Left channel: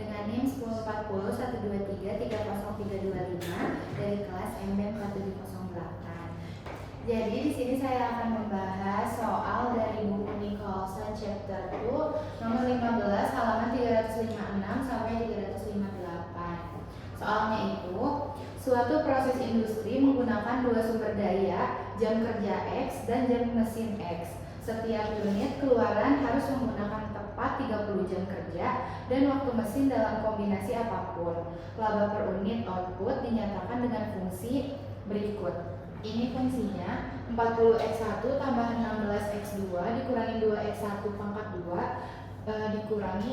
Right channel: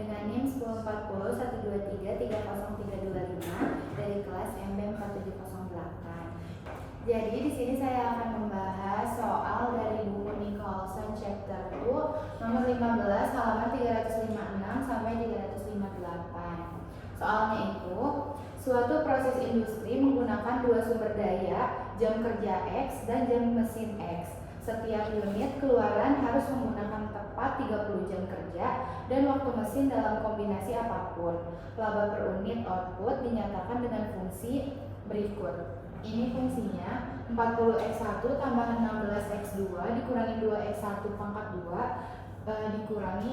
dengan NIM 1040 123 30325 dari kelas MB 4708. Jadi di sini saya akan membahas soal dari buku Nicholson chapter 2 nomor 15 halaman 356 sampai 358. Soalnya itu, suatu proses industri menggunakan dua sumber daya, jam kerja X dan jam mesin X. Setiap unit keluaran harus menggunakan tepat 30 jam kerja dan waktu mesin dalam kombinasi apapun. Laba per unit output dinyatakan dengan fungsi berikut. Ini fungsinya 40x1 tambah 16x2 dikurangi 2x1 pangkat 2 dikurangi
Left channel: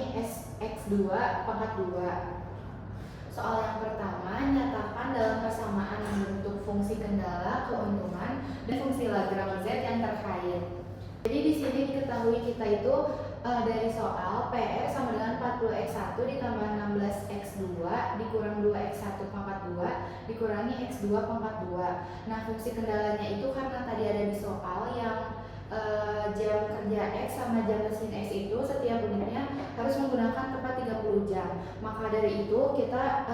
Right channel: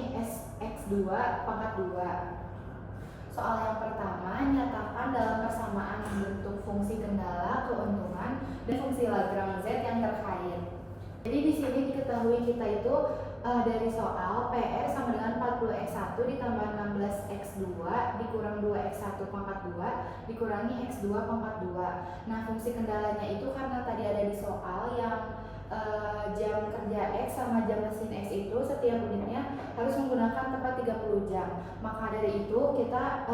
x2 pangkat 2. Soal yang pertama, nyatakan dalam persamaan yang bentuk fungsi kendala, keuntungan, dan fungsi Lagrange Z yang terkait. Jadi di sini diketahui kita itu dari soal PR sama dengan 40x1 ditambah 16x2 dikurang 2x1 pangkat 2 dikurangi x2 pangkat 2. Nah, fungsi kendalanya itu karena tadi ada di soal yang jam kerja X sama jam mesin X itu setiap unitnya harus menggunakan tepat 30 jam. Maka dari itu kita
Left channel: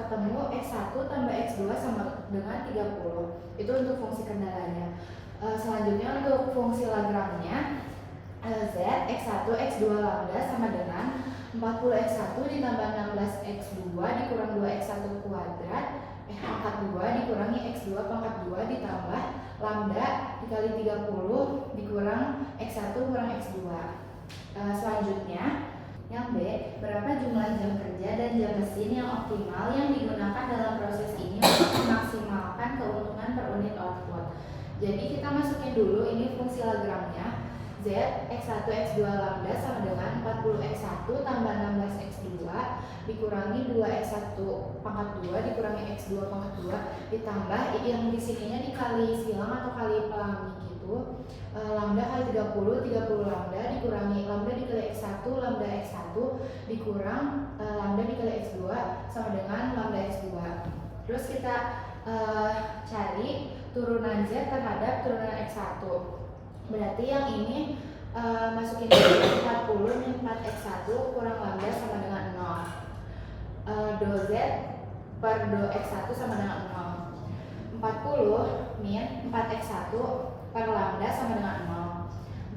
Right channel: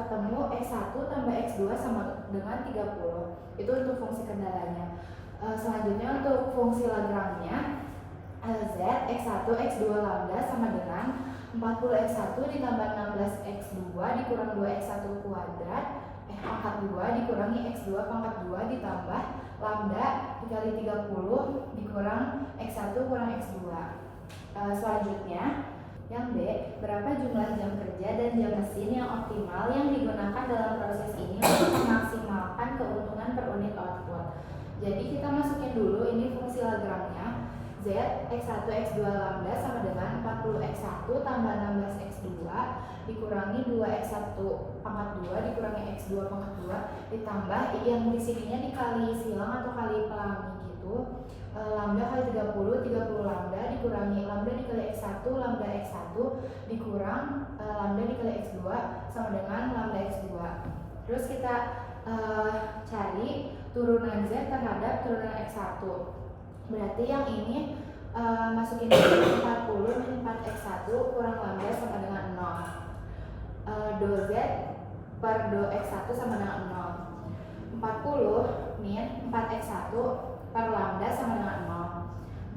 ketemu X1 tambah X2 sama dengan 30. Itu untuk fungsi kendalanya. Selanjutnya untuk fungsi Lagrange-nya Z X1 X2 lambda sama dengan 40x1 ditambah 16x2 dikurang 2x1 kuadrat pangkat 2 dikurangi x2 pangkat 2 ditambah lambda dikali 30 dikurang x1 kurang x2. Selanjutnya yang B, berapa jumlah jam kerja dan jam mesin yang optimal yang digunakan dalam proses ini untuk memaksimalkan keuntungan per unit output. Jadi kita masukin dulu ini fungsi Lagrange-nya. Z x1 x2 lambda sama dengan 40x1 tambah 16x2 dikurangi 2x1 pangkat 2 dikurangi x2 pangkat 2 ditambah yang di sininya dikali silang atau kali pelangi gitu. Lambda kali 30 lambda dikurangi lambda dikali x1 lambda x1 dikurang lambda dikali x2 sama dengan lambda x2. Terus kita cari turunan Z terhadap turunan x1. Berarti yang ini masukin dulu 40 min 4x1 kurang lambda sama dengan 0. Do Z per do x1 sama dengan 0. 40 min 4x1 per lambda sama dengan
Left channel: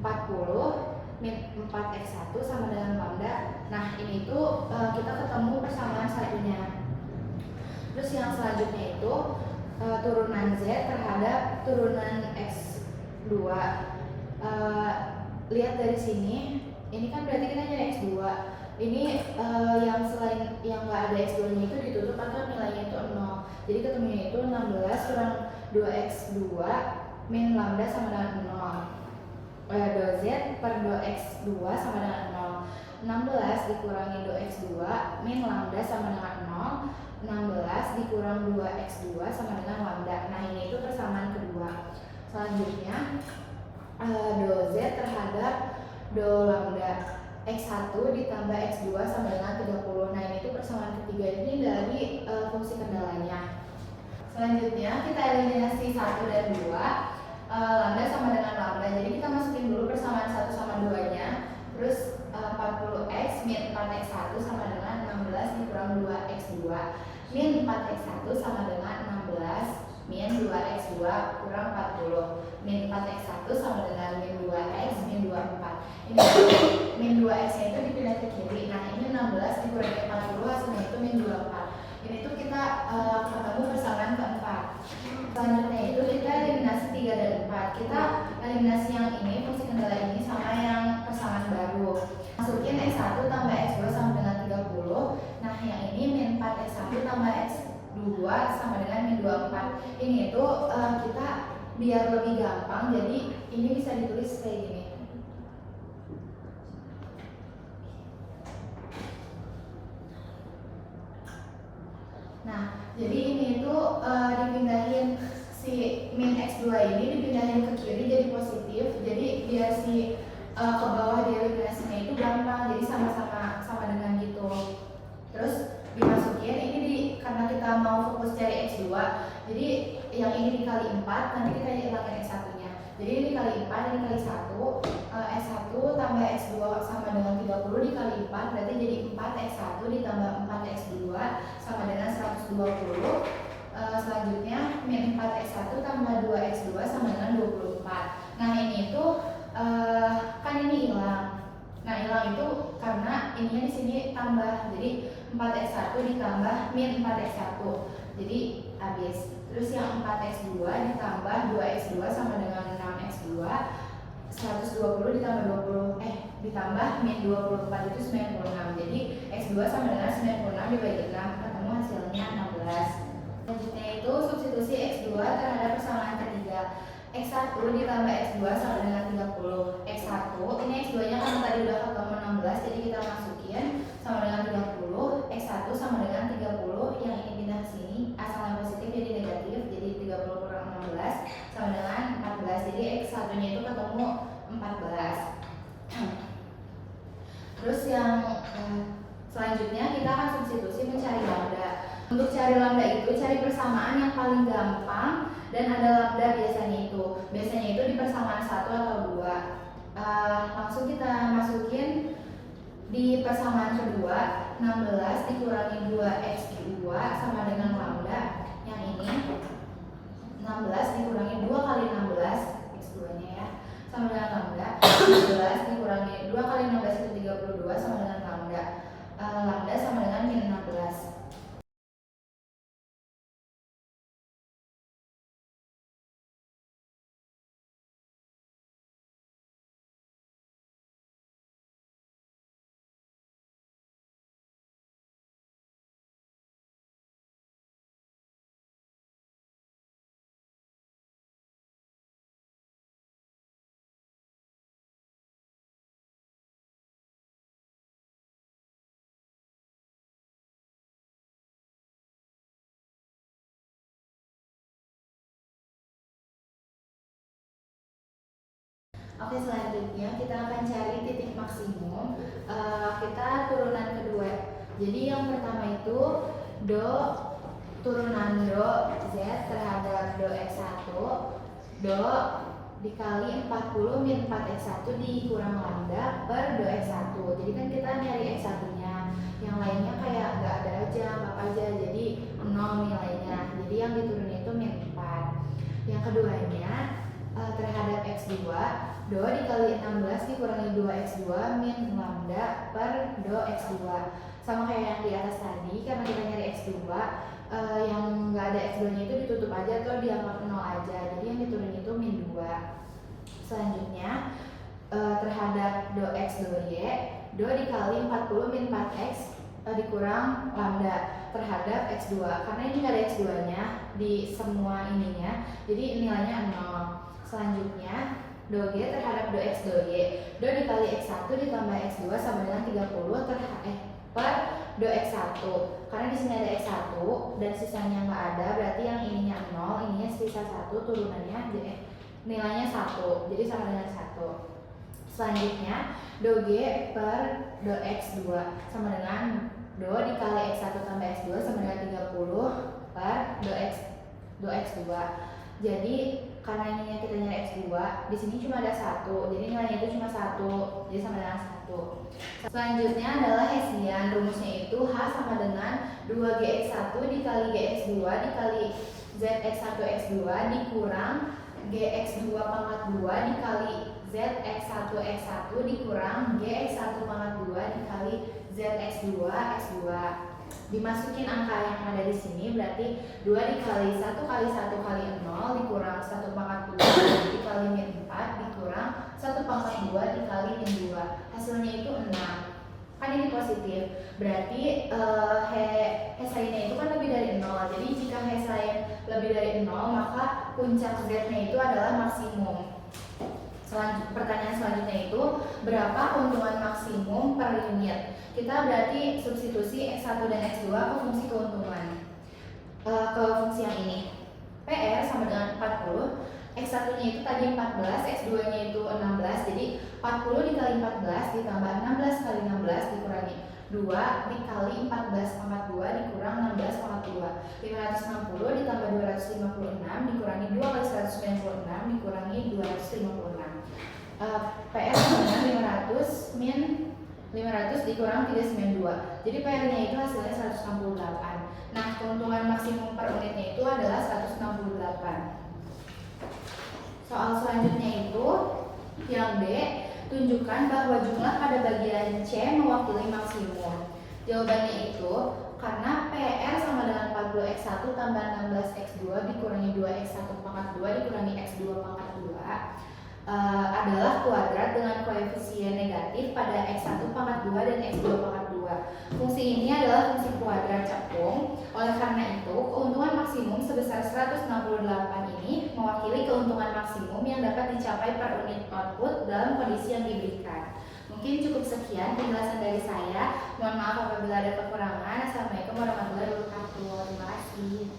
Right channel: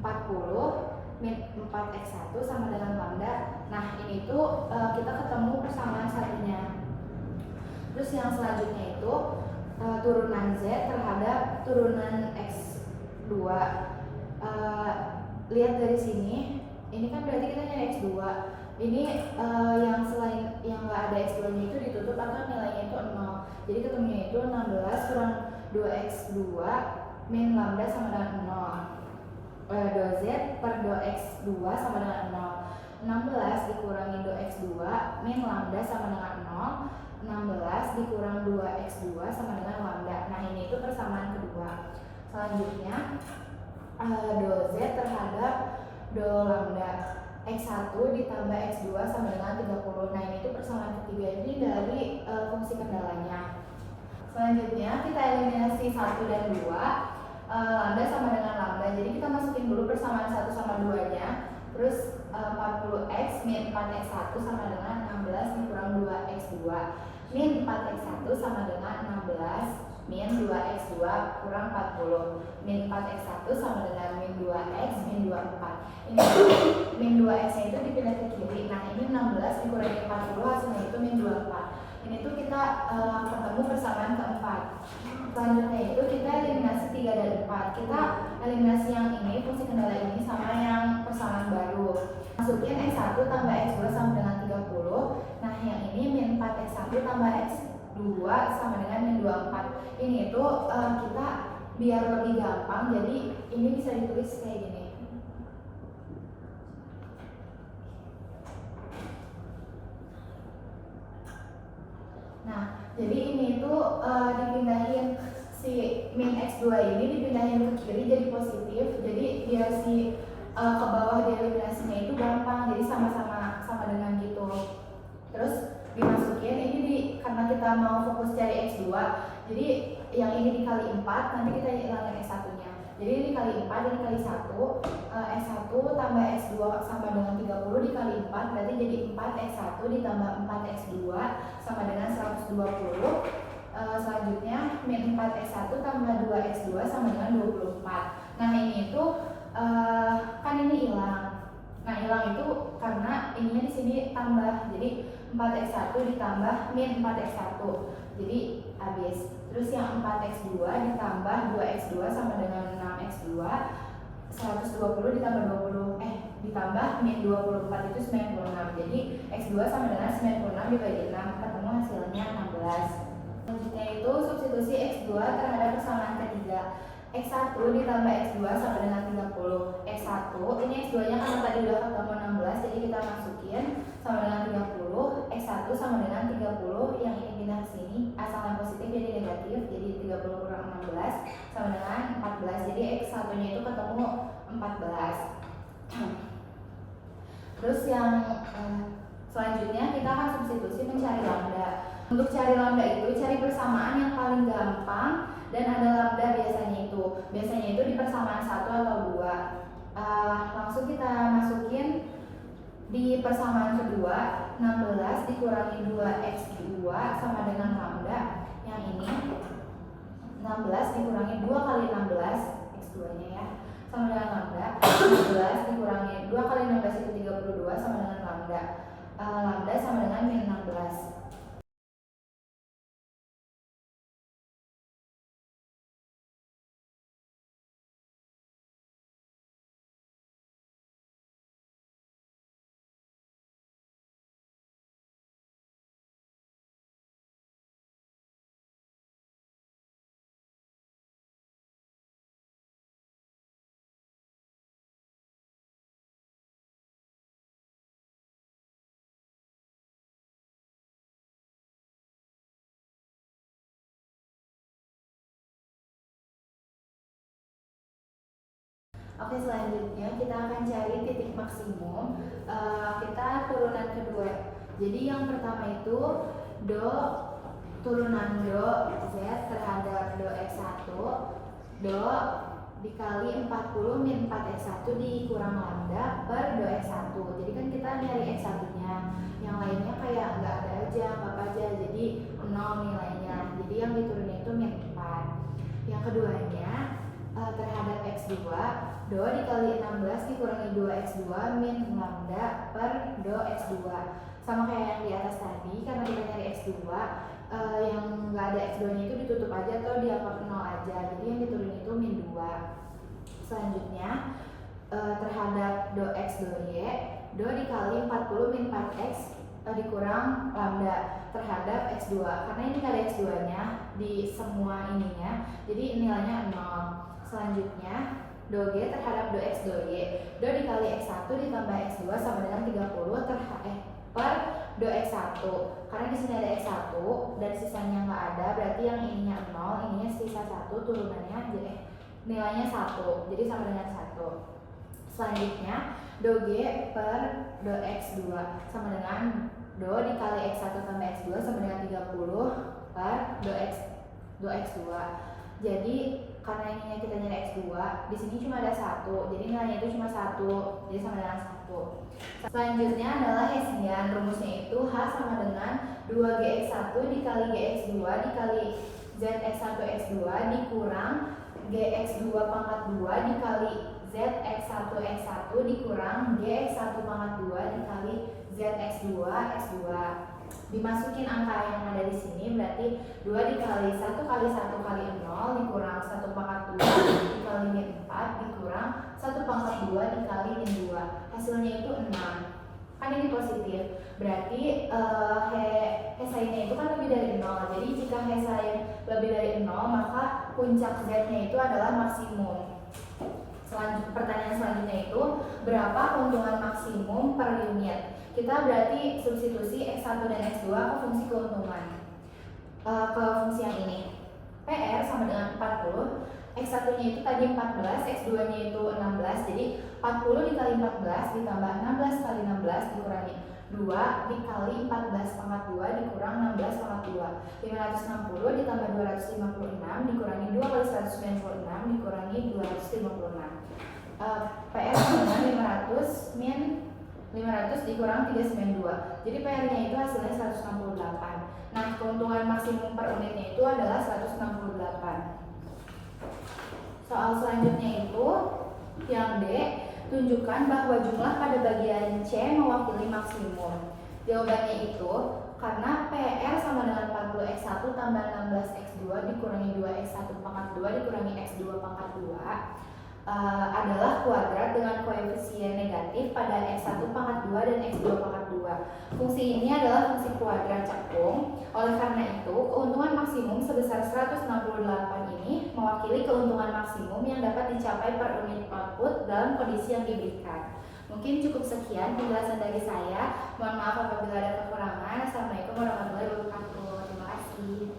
0. 40 min 4x1 sama dengan lambda. Nah, ini tuh kita ketemu persamaan satunya. Terus yang selanjutnya itu turunan Z terhadap turunan x2. Lihat dari sini, ini kan berarti kita nyari x2. Ini yang selain yang nggak ada x2 nya itu ditutup maka nilainya itu 0. Jadi ketemunya itu 16 kurang 2x2 min lambda sama dengan 0. Do Z per do x2 sama dengan 0. 16 dikurangi do x2 min lambda sama dengan 0. 16 dikurang 2x2 sama dengan lambda. Nah, ini itu persamaan kedua. Selanjutnya do Z terhadap do lambda x1 ditambah x2 sama dengan 30. Nah, ini itu persamaan ketiga ini dari fungsi kendalanya. Selanjutnya kita eliminasi 1 dan 2. Lambda sama dengan lambda. Jadi kita masukin dulu persamaan 1 sama 2 nya. Terus 40x min 4x1 sama dengan 16 dikurang 2x2 min 4x1 sama dengan 16 min 2x2 kurang 40 min 4x1 sama dengan min 2x min 24. Ini min 2x nya itu dipindah ke kiri. Nah, ini 16 dikurangi 40 hasilnya itu min 24. Ini tuh kita ketemu persamaan keempat. Selanjutnya itu kita eliminasi 3 dan 4. Kita eliminasi yang ini, fungsi kendala ini sama yang persamaan baru. Masukin x1 tambah x2 sama dengan 30. Nah, yang ini min 4x1 tambah x2 sama dengan min 24. Ini itu kita biar lebih gampang, jadi ini bisa ditulis kayak gini. Nah, jadi ini tuh dipindahin si min x2 ini dipindahin ke kiri jadi positif. Jadi biar si ke bawah dieliminasinya itu gampang. Jadi sama dengan gitu. Terus dimasukin ini karena kita mau fokus cari x2. Jadi yang ini dikali 4, nanti kita hilangin x1-nya. Jadi ini dikali 4 dan dikali 1. X1 tambah X2 sama dengan 30 dikali 4, berarti jadi 4X1 ditambah 4X2 sama dengan 120. Selanjutnya min 4X1 tambah 2X2 sama dengan 24. Nah ini itu kan ini hilang. Nah hilang itu karena ininya di sini tambah, jadi 4X1 ditambah min 4X1, jadi habis. Terus yang 4X2 ditambah 2X2 sama dengan 6X2, 120 ditambah 20 ditambah min 24 itu 96. Jadi X2 sama dengan 96 dibagi 6, ketemu hasilnya 16. Selanjutnya itu substitusi X2 terhadap persamaan ketiga. X1 ditambah X2 sama dengan 30. X1, ini X2 nya karena tadi udah ketemu 16, jadi kita masukin sama dengan 30. X1 sama dengan 30, yang ini pindah ke sini, asal yang positif jadi negatif, jadi 30 kurang 16 sama dengan 14. Jadi X1 nya itu ketemu 14. Terus yang selanjutnya kita akan substitusi mencari lambda. Untuk cari lambda itu cari persamaan yang paling gampang dan ada lambda biasanya itu di persamaan 1 atau 2. Langsung kita masukin di persamaan kedua, 16 dikurangi 2x2 sama dengan lambda yang ini, 16 dikurangi 2 kali 16 x2 nya ya, sama dengan lambda. 16 dikurangi 2 kali 16 itu 32 sama dengan lambda. Lambda sama dengan min 16. Oke, selanjutnya kita akan cari titik maksimum. Kita turunan kedua. Jadi yang pertama itu do turunan do z terhadap do x1, do dikali 40 min 4x1 dikurang lambda per do x1. Jadi kan kita nyari x1 nya, yang lainnya kayak nggak ada aja, anggap aja, jadi 0 nilainya. Jadi yang diturunin itu min 4. Yang keduanya terhadap x2, do dikali 16 dikurangi 2x2 min lambda per do x2. Sama kayak yang di atas tadi, karena kita nyari x2, yang nggak ada x2 nya itu ditutup aja atau dianggap 0 aja, jadi yang diturunin itu min 2. Selanjutnya terhadap do x do y, do dikali 40 min 4x dikurang lambda terhadap x2, karena ini nggak ada x2 nya di semua ininya, jadi nilainya 0. Selanjutnya do g terhadap do x do y, do dikali x1 ditambah x2 sama dengan 30 per do x1. Karena di sini ada x1 dan sisanya nggak ada, berarti yang ininya 0, ininya sisa 1, turunannya nilainya 1, jadi sama dengan 1. Selanjutnya do g per do x2 sama dengan do dikali x1 tambah x2 sama dengan 30 per do x2. Jadi karena ininya kita nyari x2, di sini cuma ada 1, jadi nilainya itu cuma 1, jadi sama dengan 1. Selanjutnya adalah Hessian. Rumusnya itu H sama dengan 2gx1 dikali gx2 dikali zx1x2 dikurang gx2 pangkat 2 dikali zx1x1 dikurang gx1 pangkat 2 dikali zx2x2. Dimasukin angka yang ada di sini, berarti 2 dikali 1 kali 1 kali 0 dikurang 1 pangkat 2 dikali min 4 dikurang 1 pangkat 2 dikali min 2. Hasilnya itu 6. Kan ini positif, berarti Hessiannya itu kan lebih dari 0. Jadi jika Hessian lebih dari 0, maka puncak Z-nya itu adalah maksimum. Pertanyaan selanjutnya itu berapa keuntungan maksimum per unit? Kita berarti substitusi X1 dan X2 ke fungsi keuntungan, ke fungsi yang ini. PR sama dengan 40, X1 nya itu tadi 14, X2 nya itu 16, jadi 40 dikali 14 ditambah 16 kali 16 dikurangi 2 dikali 14 pangkat 2 dikurang 16 pangkat 2. 560 ditambah 256 dikurangi 2 kali 196 dikurangi 256. PR sama dengan 500 min 500 dikurang 392. Jadi PR-nya itu hasilnya 168. Nah, keuntungan maksimum per unitnya itu adalah 168. Soal selanjutnya itu yang D, tunjukkan bahwa jumlah pada bagian C mewakili maksimum. Jawabannya itu karena PR sama dengan 40x1 tambah 16x2 dikurangi 2x1 pangkat 2 dikurangi x2 pangkat 2 adalah kuadrat dengan koefisien negatif pada x1 pangkat 2 dan x2 pangkat 2. Fungsi ini adalah fungsi kuadrat cakung. Oleh karena itu, keuntungan maksimum sebesar 168 ini mewakili keuntungan maksimum yang dapat dicapai per unit output dalam kondisi yang diberikan. Mungkin cukup sekian penjelasan dari saya. Mohon maaf apabila ada kekurangan. Assalamualaikum warahmatullahi wabarakatuh. Terima kasih.